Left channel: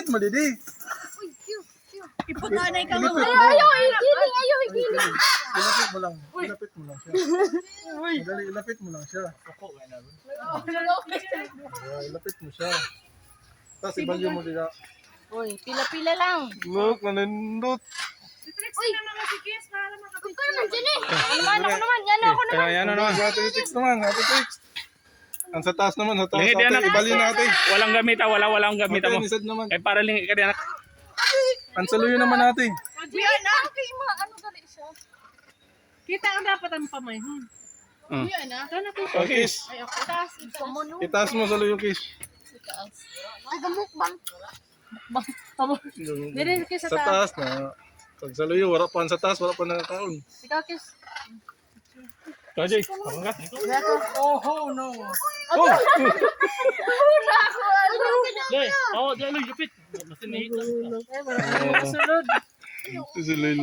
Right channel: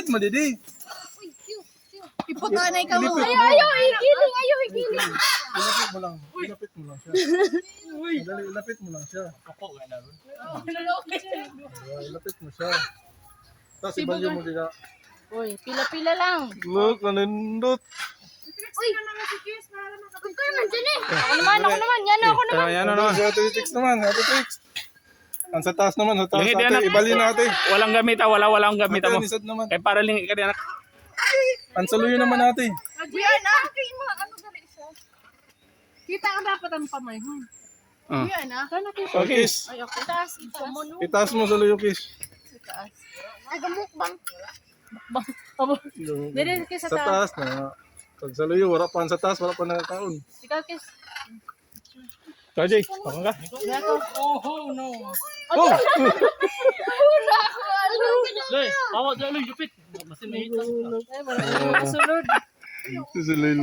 Ilapit mo, Didi. Iputanay ka mo. Ayaw, igiling. Ilapit mo lang. Ilapit mo lang siya. Madali, ilapit mo lang siya. Ilapit mo siya. Tapos ibalyo mo dito. Uy, pila-pila lang. Look, nanindot. Uy, ako naman dyan eh. Ano naman, yan ako naman. Yan na naman. Ate Trix naman, Ate Trix. Ang sa taas naman, sa taas Lingid yan, ate. anak. Ibalyo na ate. Walang gamit walang gamit Ate, mo. nisad naman. Eh para lang ka anak. Ang saluyo naman ate. Diyan na. Ano gali siya? Kita ang dapat ang pamay. Ah. Yan ah. Oh, kiss. Ay, okay. Taas. Itaas mo saluyo, kiss. Ay, gamukbang. Dili ka Sa taas na. Pag saluyo, wala pa sa taas, wala pa nakakaon. Ikaw, kiss. Jay, ako ka. Oh, no. Oh! Lay, awa dyan lang jupit. Masin ni. Ay, wala. Kasunod. Saluyo.